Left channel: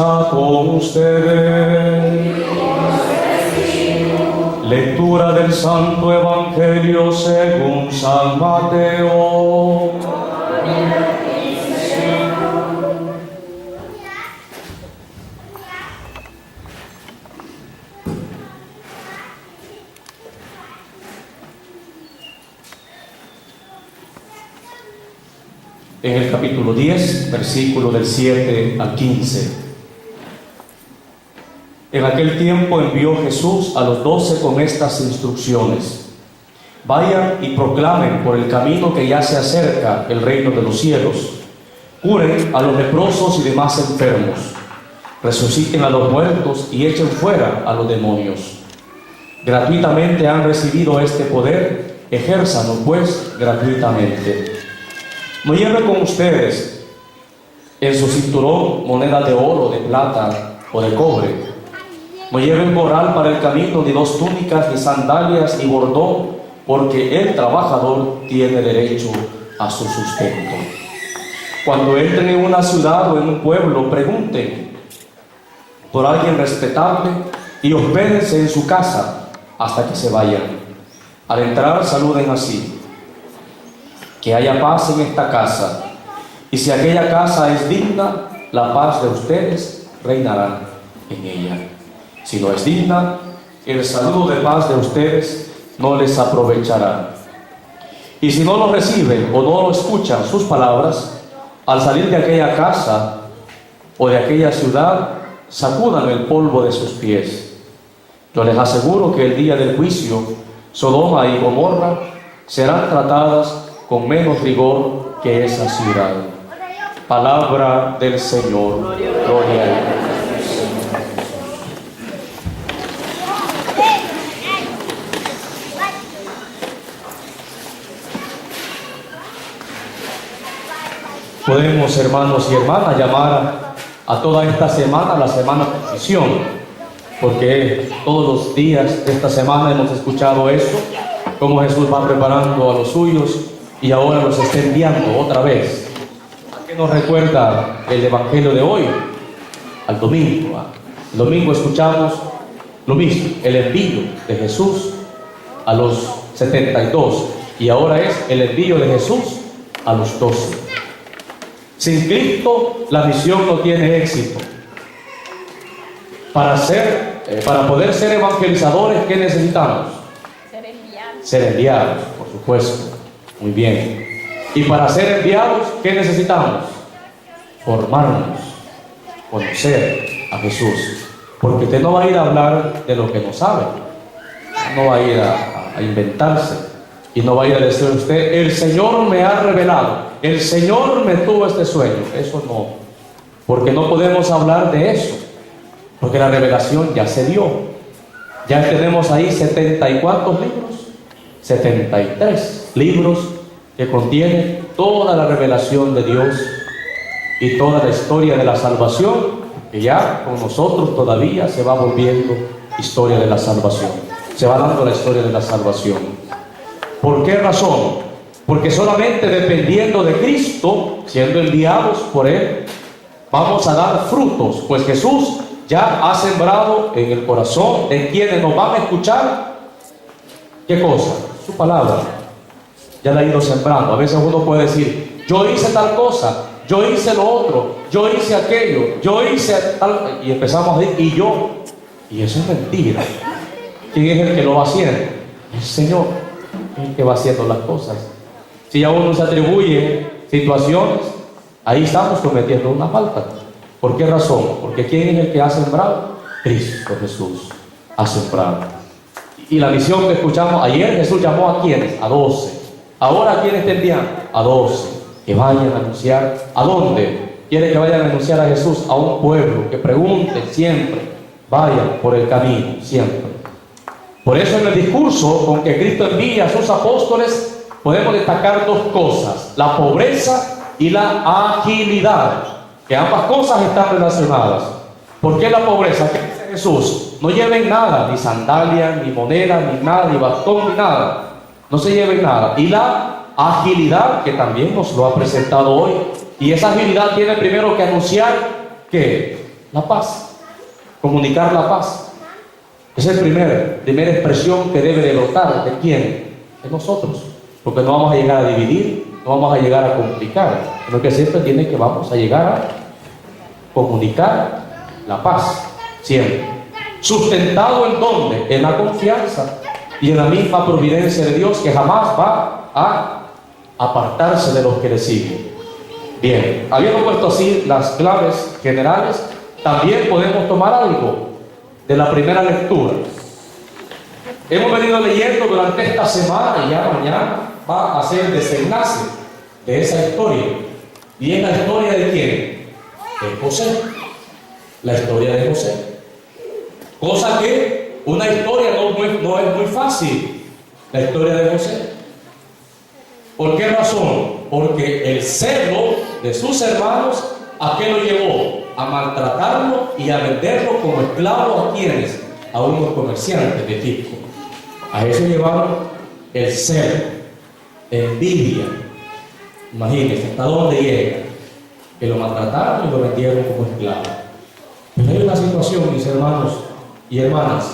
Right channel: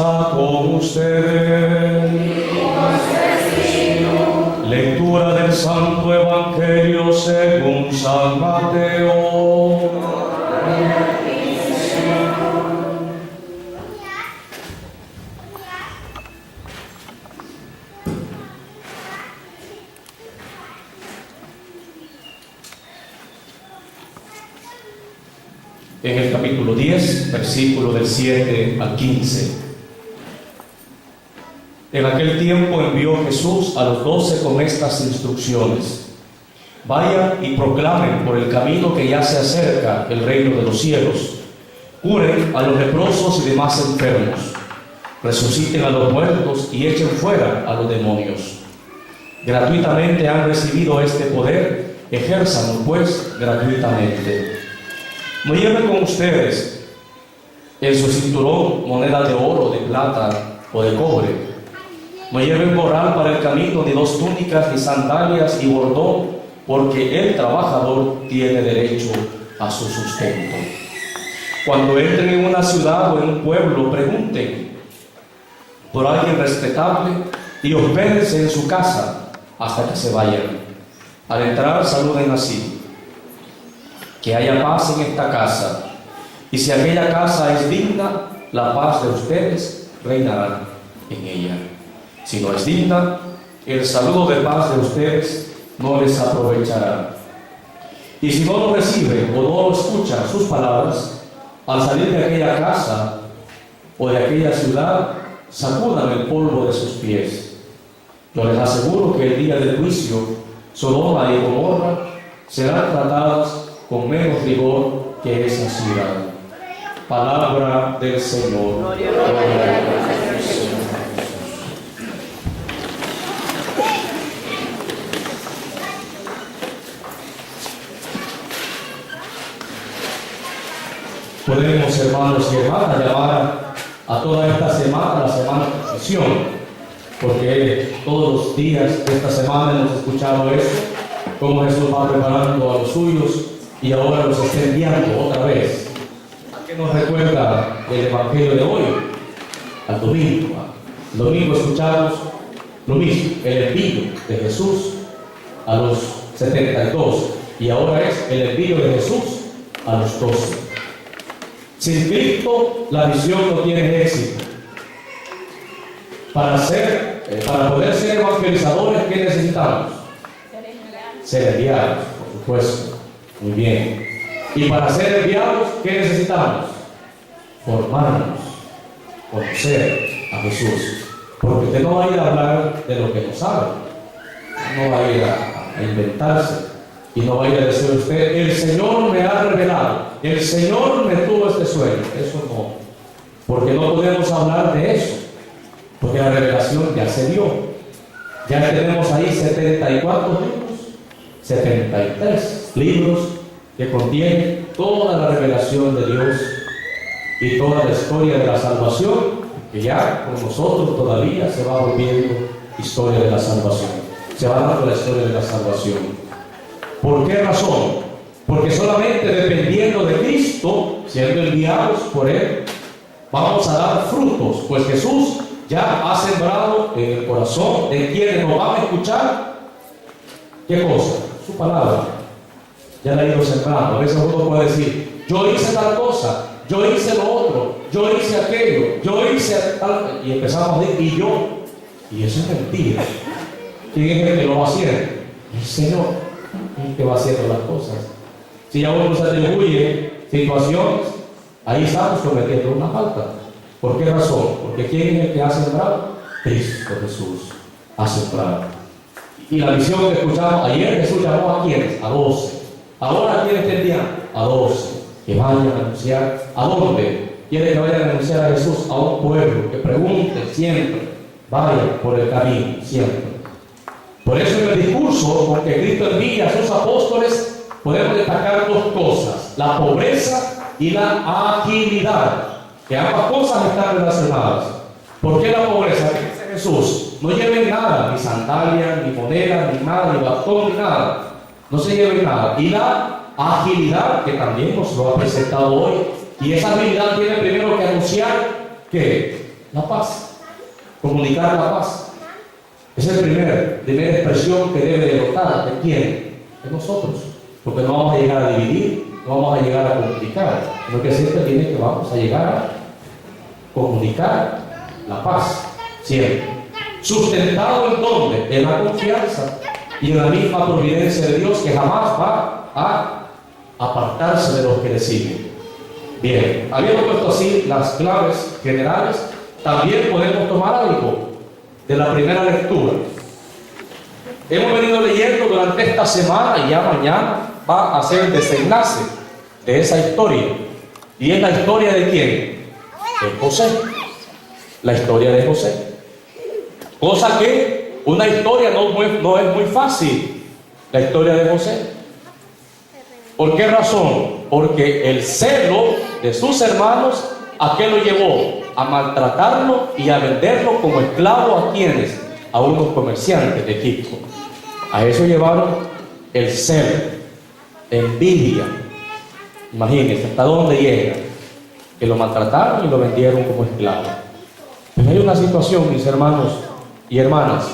fuerza con ustedes. Lectura del Santo Evangelio según San Mateo. En el capítulo 10, versículo del 7 al 15. En aquel tiempo envió Jesús a los 12 con estas instrucciones: vayan y proclamen por el camino que ya se acerca el reino de los cielos, curen a los leprosos y demás enfermos, resuciten a los muertos y echen fuera a los demonios. Gratuitamente han recibido este poder, ejérzanlo pues gratuitamente. No lleven con ustedes en su cinturón moneda de oro, de plata o de cobre. No lleven morral para el camino, ni 2 túnicas, ni sandalias, ni bordón, porque el trabajador tiene derecho a su sustento. Cuando entren en una ciudad o en un pueblo, pregunten por alguien respetable y hospédense en su casa hasta que se vayan. Al entrar, saluden así: que haya paz en esta casa, y si aquella casa es digna, la paz de ustedes reinará en ella. Si no es digna, el saludo de paz de ustedes no les aprovechará. Y si no lo reciben o no lo escuchan sus palabras, al salir de aquella casa o de aquella ciudad, sacudan el polvo de sus pies. Yo les aseguro que el día del juicio, Sodoma y Gomorra serán tratadas con menos rigor que esa ciudad. Palabra del Señor. Gloria a Dios. Podemos, hermanos y hermanas, llamar a toda esta semana la semana de misión, porque todos los días de esta semana hemos escuchado esto, cómo Jesús va preparando a los suyos y ahora los está enviando otra vez. ¿A qué nos recuerda el Evangelio de hoy? Al domingo. El domingo escuchamos lo mismo, el envío de Jesús a los 72, y ahora es el envío de Jesús a los 12. Sin Cristo la misión no tiene éxito. Para poder ser evangelizadores, ¿qué necesitamos? Ser enviados, por supuesto. Muy bien. Y para ser enviados, ¿qué necesitamos? Formarnos, conocer a Jesús. Porque usted no va a ir a hablar de lo que no sabe. No va a ir a inventarse. Y no va a ir a decir usted: el Señor me ha revelado, el Señor me tuvo este sueño. Eso no. Porque no podemos hablar de eso. Porque la revelación ya se dio. Ya tenemos ahí 70 y cuántos libros. 73 libros que contienen toda la revelación de Dios y toda la historia de la salvación, que ya con nosotros todavía se va volviendo historia de la salvación. Se va dando la historia de la salvación. ¿Por qué razón? Porque solamente dependiendo de Cristo, siendo enviados por Él, vamos a dar frutos, pues Jesús ya ha sembrado en el corazón de quienes nos van a escuchar. ¿Qué cosa? Su palabra. Ya la ha ido sembrando. A veces uno puede decir: yo hice tal cosa, yo hice lo otro, yo hice aquello, yo hice tal, y empezamos a decir: y yo. Y eso es mentira. ¿Quién es el que lo va haciendo? El Señor es el que va haciendo las cosas. Si a uno se atribuye situaciones, ahí estamos cometiendo una falta. ¿Por qué razón? Porque ¿quién es el que ha sembrado? Cristo Jesús ha sembrado. Y la visión que escuchamos ayer, Jesús llamó ¿a quiénes? A 12. Ahora ¿a quiénes está enviando? A 12. Que vayan a anunciar. ¿A dónde? Quiere que vayan a anunciar a Jesús a un pueblo, que pregunten siempre, vayan por el camino, siempre. Por eso en el discurso con que Cristo envía a sus apóstoles podemos destacar 2 cosas: la pobreza y la agilidad, que ambas cosas están relacionadas. ¿Por qué la pobreza? ¿Qué dice Jesús? No lleven nada, ni sandalia, ni moneda, ni nada, ni bastón, ni nada. No se lleven nada. Y la agilidad, que también nos lo ha presentado hoy. Y esa agilidad tiene primero que anunciar ¿qué? La paz. Comunicar la paz. Esa es la primera expresión que debe denotar de quién, de nosotros. Porque no vamos a llegar a dividir, no vamos a llegar a complicar, sino que siempre tiene que vamos a llegar a comunicar la paz. Siempre. ¿Sustentado en dónde? En la confianza y en la misma providencia de Dios, que jamás va a apartarse de los que le siguen. Bien, habiendo puesto así las claves generales, también podemos tomar algo de la primera lectura. Hemos venido leyendo durante esta semana y ya mañana va a ser el desenlace de esa historia. ¿Y es la historia de quién? De José. La historia de José. Cosa que una historia no es muy fácil, la historia de José. ¿Por qué razón? Porque el celo de sus hermanos, ¿a qué lo llevó? A maltratarlo y a venderlo como esclavo a quienes, a unos comerciantes de Egipto. A eso llevaron el celo, la envidia. Imagínense hasta dónde llega, que lo maltrataron y lo vendieron como esclavo. Pero hay una situación, mis hermanos y hermanas,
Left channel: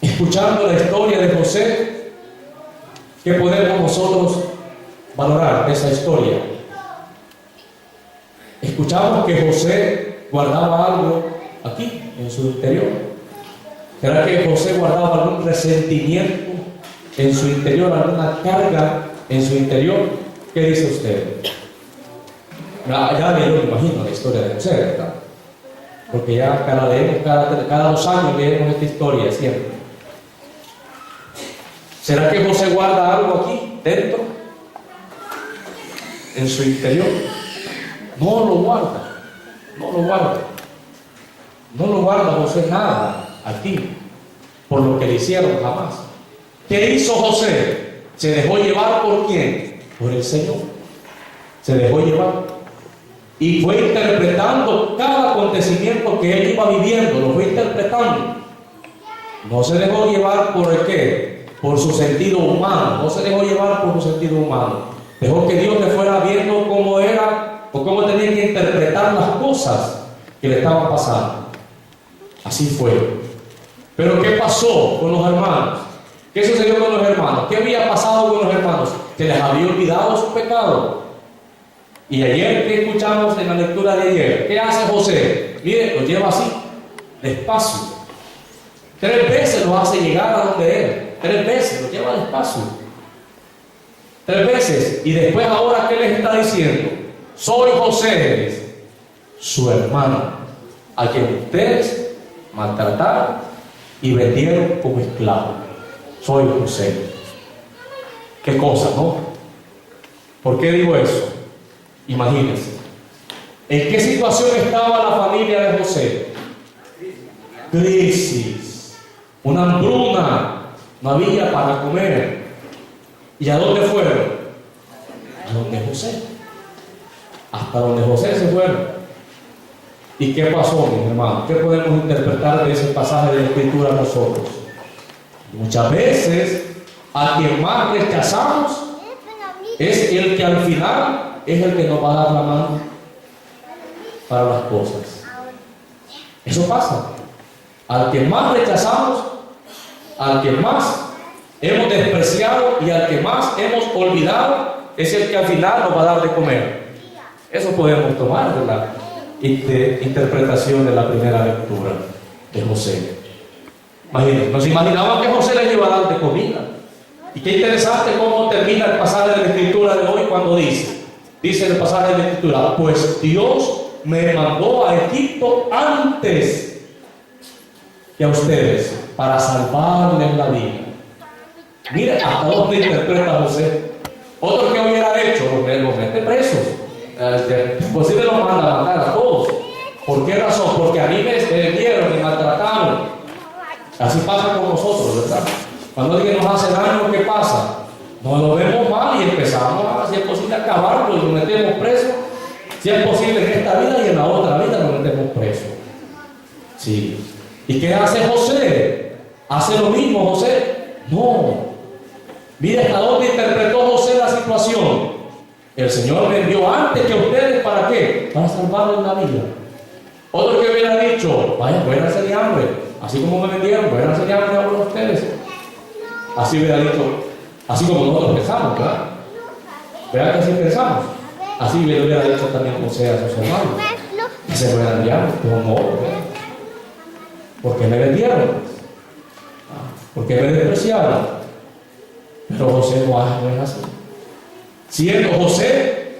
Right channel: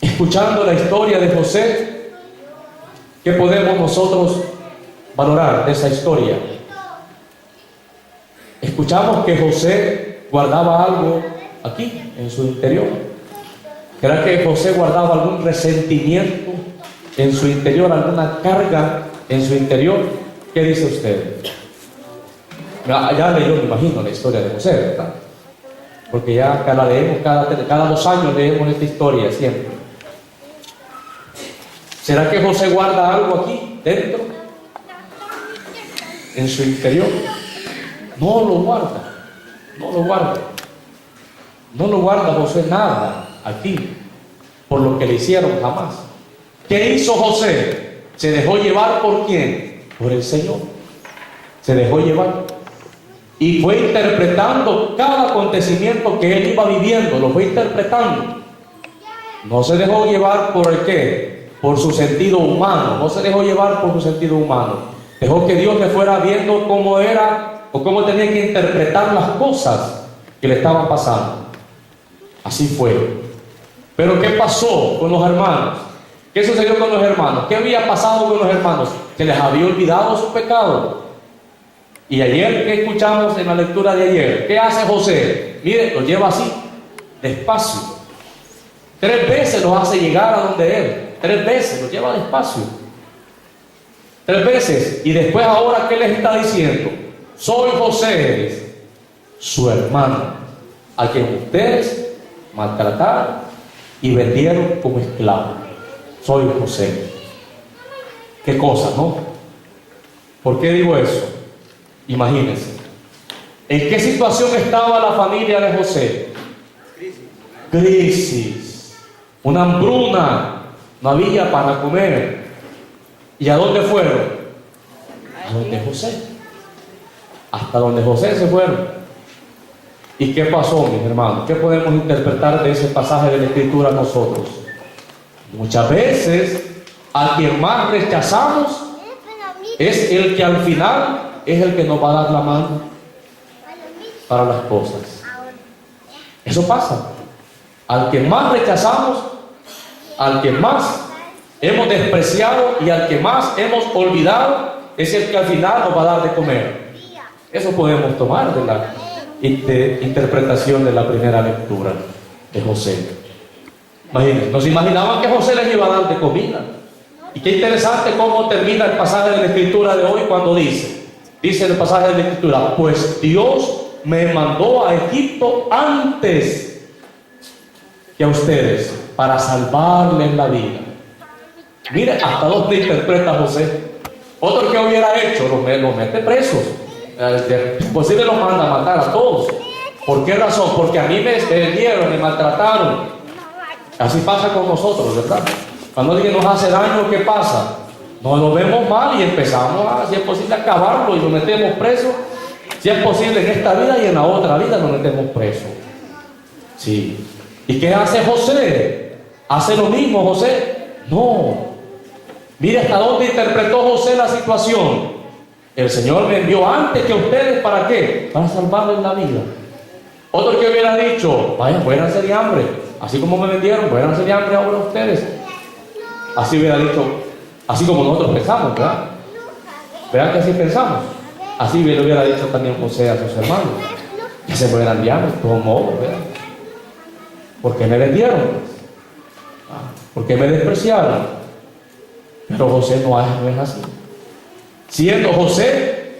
escuchando la historia de José, ¿qué podemos nosotros valorar de esa historia? Escuchamos que José guardaba algo aquí, en su interior. ¿Será que José guardaba algún resentimiento en su interior, alguna carga en su interior? ¿Qué dice usted? Ya leyó, me imagino, la historia de José, ¿verdad? Porque ya cada 2 años leemos esta historia siempre. ¿Será que José guarda algo aquí, dentro? En su interior. No lo guarda. No lo guarda. No lo guarda José nada aquí, por lo que le hicieron jamás. ¿Qué hizo José? ¿Se dejó llevar por quién? Por el Señor. Se dejó llevar. Y fue interpretando cada acontecimiento que él iba viviendo, lo fue interpretando. No se dejó llevar por el qué, por su sentido humano, no se dejó llevar por su sentido humano. Dejó que Dios le fuera viendo cómo era o cómo tenía que interpretar las cosas que le estaban pasando. Así fue. Pero ¿qué pasó con los hermanos? ¿Qué sucedió con los hermanos? ¿Qué había pasado con los hermanos? Que les había olvidado su pecado. Y ayer, ¿qué escuchamos en la lectura de ayer? ¿Qué hace José? Mire, lo lleva así, despacio. 3 veces los hace llegar a donde él. 3 veces, los lleva despacio. 3 veces. Y después ahora, ¿qué les está diciendo? Soy José, su hermano, a quien ustedes maltrataron y vendieron como esclavo. Soy José. Qué cosa, ¿no? ¿Por qué digo eso? Imagínense. ¿En qué situación estaba la familia de José? Crisis. Una hambruna. No había para comer. ¿Y a dónde fueron? A donde José. Hasta donde José se fueron. ¿Y qué pasó, mis hermanos? ¿Qué podemos interpretar de ese pasaje de la Escritura nosotros? Muchas veces, a quien más rechazamos es el que al final es el que nos va a dar la mano para las cosas. Eso pasa. Al que más rechazamos, al que más hemos despreciado y al que más hemos olvidado, es el que al final nos va a dar de comer. Eso podemos tomar de la interpretación de la primera lectura de José. Imagínense, nos imaginamos que José les iba a dar de comida. Y qué interesante cómo termina el pasaje de la Escritura de hoy cuando dice el pasaje de la Escritura: pues Dios me mandó a Egipto antes que a ustedes para salvarles la vida. Mire hasta dónde interpreta José. Otro que hubiera hecho, los mete presos. Posible los manda a matar a todos. ¿Por qué razón? Porque a mí me vendieron, me maltrataron. Así pasa con nosotros, ¿verdad? Cuando alguien nos hace daño, ¿qué pasa? Nos vemos mal y empezamos a, si es posible, acabarlo y nos metemos presos. Si es posible en esta vida y en la otra vida nos metemos presos. Sí. ¿Y qué hace José? ¿Hace lo mismo José? No. Mire hasta dónde interpretó José la situación. El Señor me envió antes que ustedes, ¿para qué? Para salvarles la vida. Otro que hubiera dicho, vaya, muéranse de hambre. Así como me vendieron, muéranse de hambre ahora ustedes. Así hubiera dicho, así como nosotros pensamos, ¿verdad? ¿Verdad que así pensamos? Así le hubiera dicho también José a sus hermanos. Que se mueran de hambre, como ¿verdad? ¿Por qué me vendieron? ¿Por qué me despreciaron? Pero José no es así.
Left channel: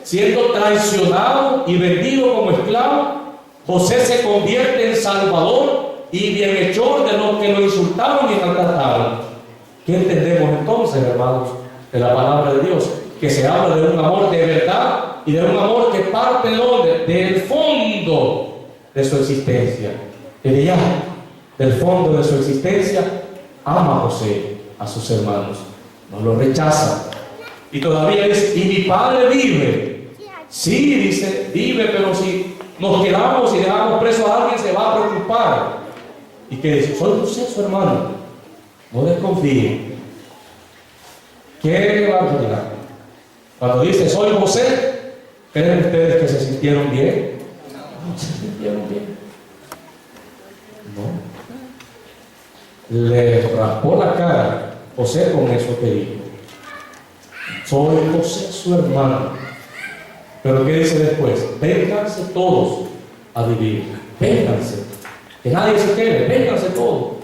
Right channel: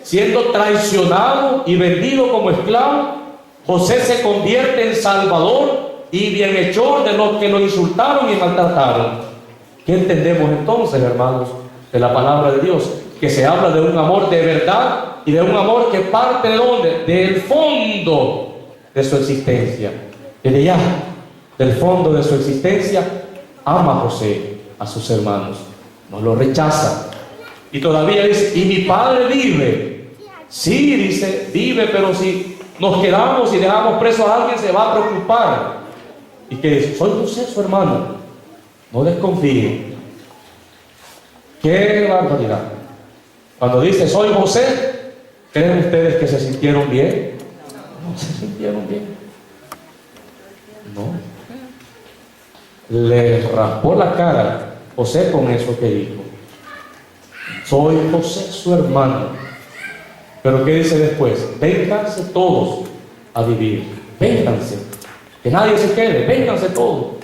Siendo traicionado y vendido como esclavo, José se convierte en salvador y bienhechor de los que lo insultaron y maltrataron. ¿Qué entendemos entonces, hermanos, de la palabra de Dios? Que se habla de un amor de verdad y de un amor que parte de ¿dónde? Del fondo de su existencia. Desde ya, del fondo de su existencia, ama a José a sus hermanos. No lo rechaza. Y todavía dice, y mi padre vive. Sí, dice, vive, pero si nos quedamos y dejamos preso a alguien, se va a preocupar. Y que dice, soy José, su hermano. No desconfíen. ¿Qué barbaridad? Cuando dice, soy José, ¿creen ustedes que se sintieron bien? No se sintieron bien. No. Le raspó la cara José con eso que dijo. Soy José, su hermano. Pero ¿qué dice después? Vénganse todos a vivir. Vénganse. Que nadie se quede. Vénganse todos.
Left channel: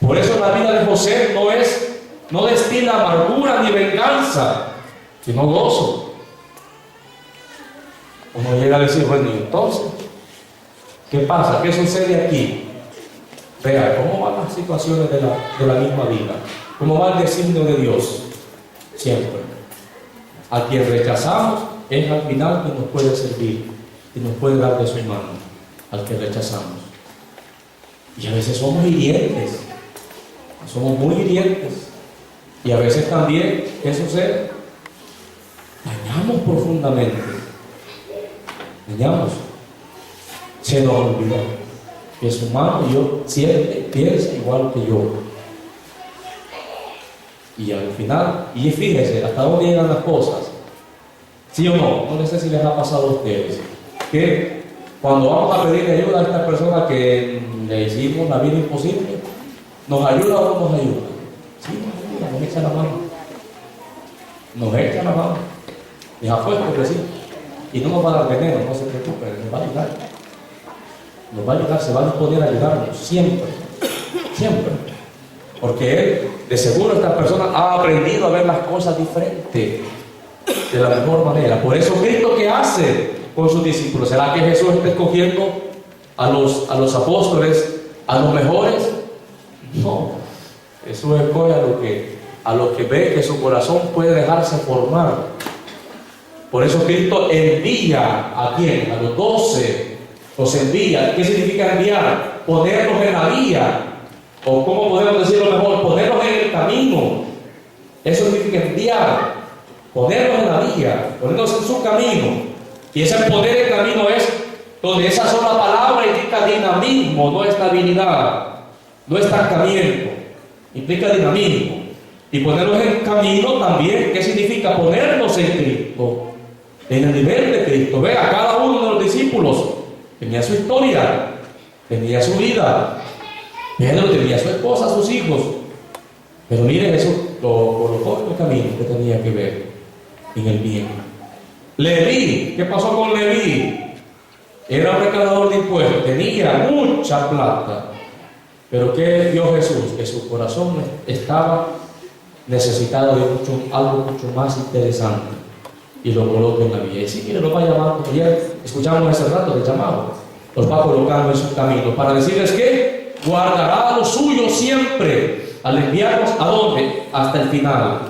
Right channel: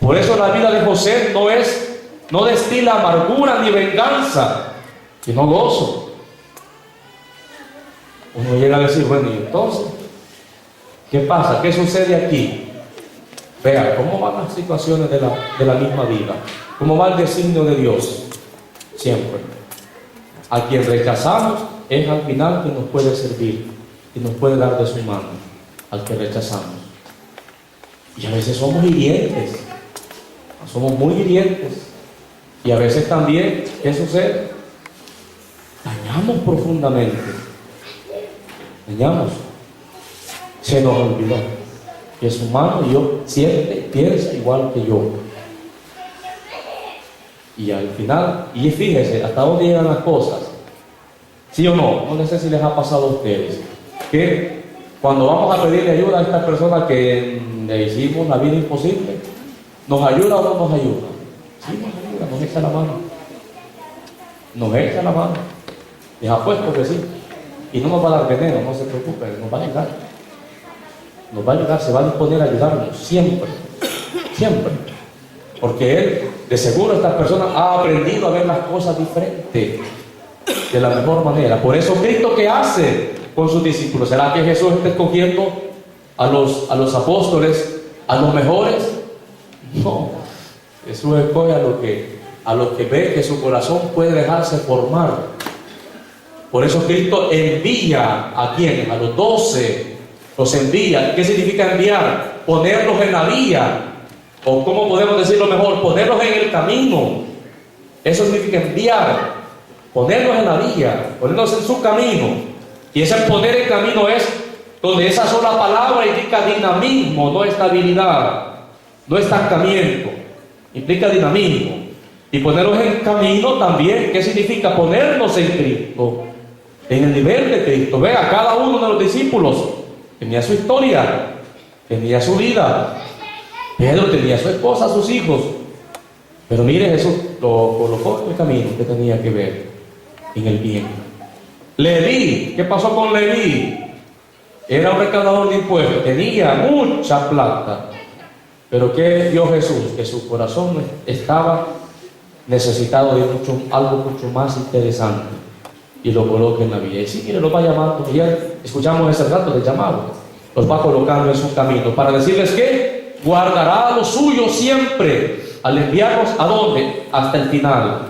Por eso la vida de José no destila amargura ni venganza, sino gozo. Uno llega a decir, bueno, ¿y entonces qué pasa? ¿Qué sucede aquí? Vea, ¿cómo van las situaciones de la misma vida? ¿Cómo va el designio de Dios? Siempre. A quien rechazamos es al final que nos puede servir y nos puede dar de su mano, al que rechazamos. Y a veces somos hirientes, somos muy hirientes. Y a veces también, ¿qué sucede? Dañamos profundamente. Dañamos. Se nos olvidó que es humano y yo siente, piensa igual que yo. Y al final, y fíjense, hasta dónde llegan las cosas. ¿Sí o no? No sé si les ha pasado a ustedes. Que cuando vamos a pedirle ayuda a esta persona que le hicimos la vida imposible, ¿nos ayuda o no nos ayuda? Sí, nos ayuda, nos echa la mano. Nos echa la mano. Les apuesto que sí. Y no nos va a dar veneno, no se preocupen, nos va a ayudar. Nos va a ayudar, se va a disponer a ayudarnos, siempre. Siempre. Porque él, de seguro, esta persona ha aprendido a ver las cosas diferentes, de la mejor manera. Por eso, Cristo, ¿qué hace con sus discípulos? ¿Será que Jesús está escogiendo a los apóstoles, a los mejores? No. Jesús escoge a los que ve que su corazón puede dejarse formar. Por eso Cristo envía ¿a quién? A los 12. Los envía. ¿Qué significa enviar? Ponerlos en la vía. O ¿cómo podemos decirlo mejor? Ponerlos en el camino. Eso significa enviar. Ponerlos en la vía. Ponerlos en su camino. Y ese poner en camino es donde esa sola palabra implica dinamismo, no estabilidad, no estancamiento. Implica dinamismo. Y ponerlos en camino también, ¿qué significa? Ponernos en Cristo, en el nivel de Cristo. Vea, cada uno de los discípulos tenía su historia, tenía su vida. Pedro tenía su esposa, sus hijos. Pero miren, eso lo colocó en el camino que tenía que ver, en el bien. Leví, ¿qué pasó con Leví? Era un recaudador de impuestos, tenía mucha plata. Pero ¿qué vio Jesús? Que su corazón estaba necesitado de algo mucho más interesante. Y lo coloca en la vía. Y sí, mire, lo va llamando. Y ya escuchamos ese rato de llamado. Los va colocando en su camino. Para decirles que guardará lo suyo siempre. Al enviarnos ¿a dónde? Hasta el final.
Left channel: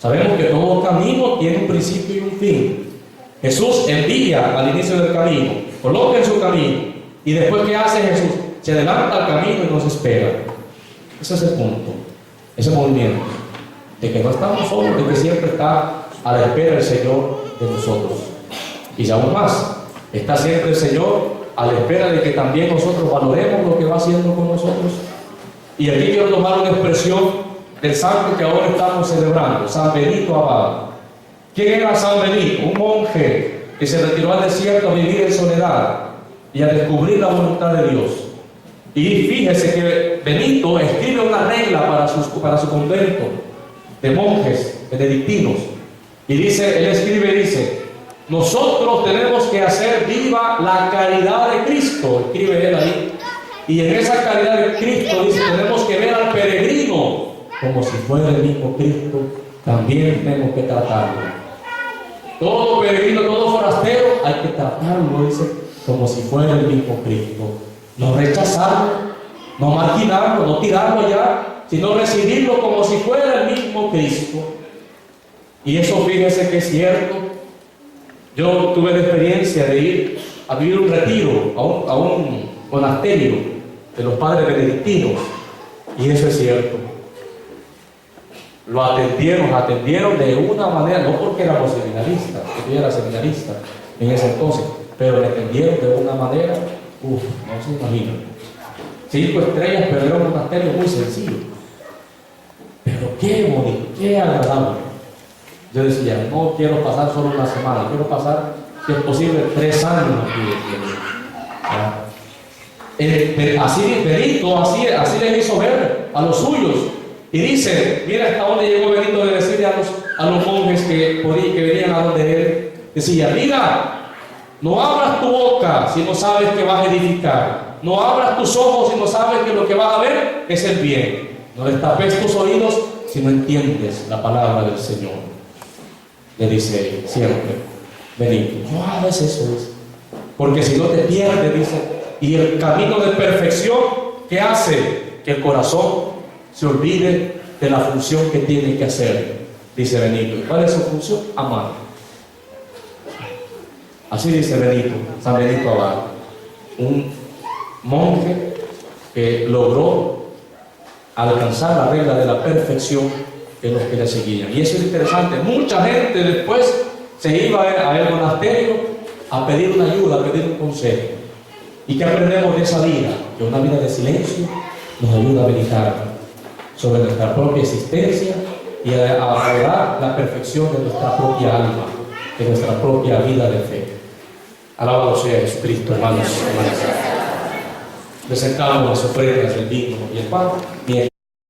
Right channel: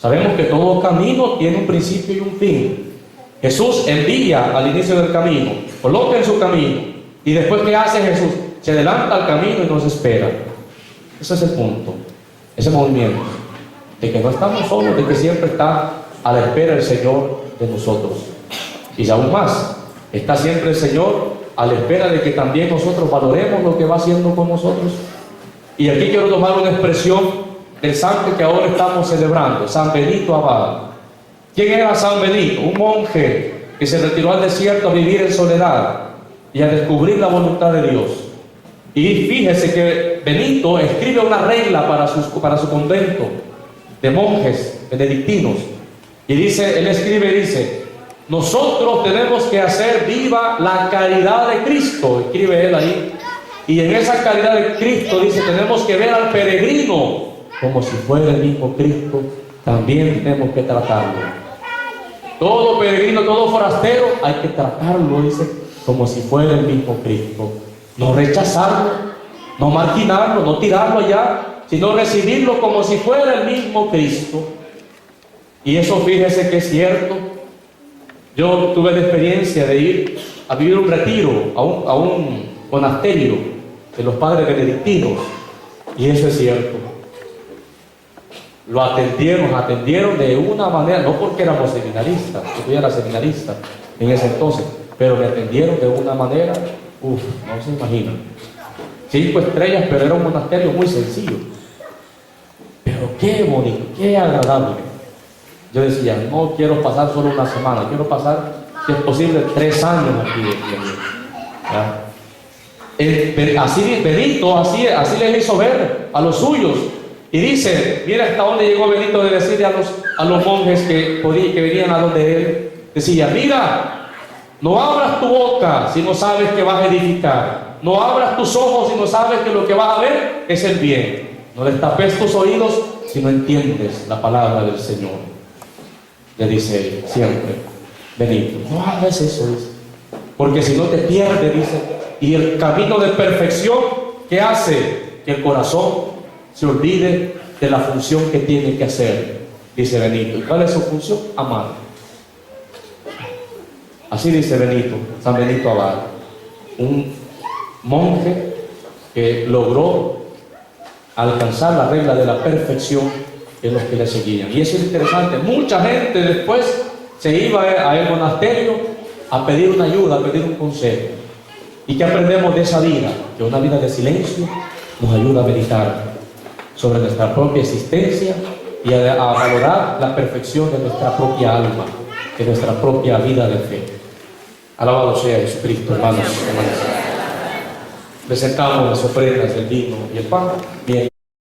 Sabemos que todo camino tiene un principio y un fin. Jesús envía al inicio del camino. Coloca en su camino. Y después, ¿qué hace Jesús? Se adelanta al camino y nos espera. Ese es el punto. Ese movimiento. De que no estamos solos, de que siempre está a la espera el Señor de nosotros. Y aún más, está siempre el Señor a la espera de que también nosotros valoremos lo que va haciendo con nosotros. Y aquí quiero tomar una expresión del santo que ahora estamos celebrando, San Benito Abad. ¿Quién era San Benito? Un monje que se retiró al desierto a vivir en soledad y a descubrir la voluntad de Dios. Y fíjese que Benito escribe una regla para su convento de monjes benedictinos. Y dice, él escribe y dice: nosotros tenemos que hacer viva la caridad de Cristo, escribe él ahí. Y en esa caridad de Cristo dice, tenemos que ver al peregrino como si fuera el mismo Cristo, también tenemos que tratarlo. Todo peregrino, todo forastero, hay que tratarlo, dice, como si fuera el mismo Cristo. No rechazarlo, no marginarlo, no tirarlo ya, sino recibirlo como si fuera el mismo Cristo. Y eso, fíjese que es cierto. Yo tuve la experiencia de ir a vivir un retiro a un monasterio de los padres benedictinos, y eso es cierto. Lo atendieron de una manera, no porque éramos seminaristas, yo ya era seminarista en ese entonces, pero le atendieron de una manera, no se imaginan. 5 estrellas, pero era un monasterio muy sencillo. Pero qué bonito, qué agradable. Yo decía, no quiero pasar solo una semana, quiero pasar, si es posible, 3 años aquí. Así Benito, así les hizo ver a los suyos. Y dice, mira hasta dónde llegó Benito de decirle a los monjes que venían a donde él. Decía, mira, no abras tu boca si no sabes que vas a edificar. No abras tus ojos si no sabes que lo que vas a ver es el bien. No destapes tus oídos si no entiendes la palabra del Señor. Le dice siempre, Benito, no hagas eso, dice, porque si no te pierdes, dice. Y el camino de perfección, ¿qué hace? Que el corazón se olvide de la función que tiene que hacer, dice Benito. ¿Y cuál es su función? Amar. Así dice Benito, San Benito Abad, un monje que logró alcanzar la regla de la perfección en los que le seguían. Y eso es interesante. Mucha gente después se iba a el monasterio a pedir una ayuda, a pedir un consejo. ¿Y qué aprendemos de esa vida? Que una vida de silencio nos ayuda a meditar sobre nuestra propia existencia y a valorar la perfección de nuestra propia alma, de nuestra propia vida de fe. Alabado sea Jesucristo, hermanos y hermanas. Presentamos las ofrendas, el vino y el pan. Bien.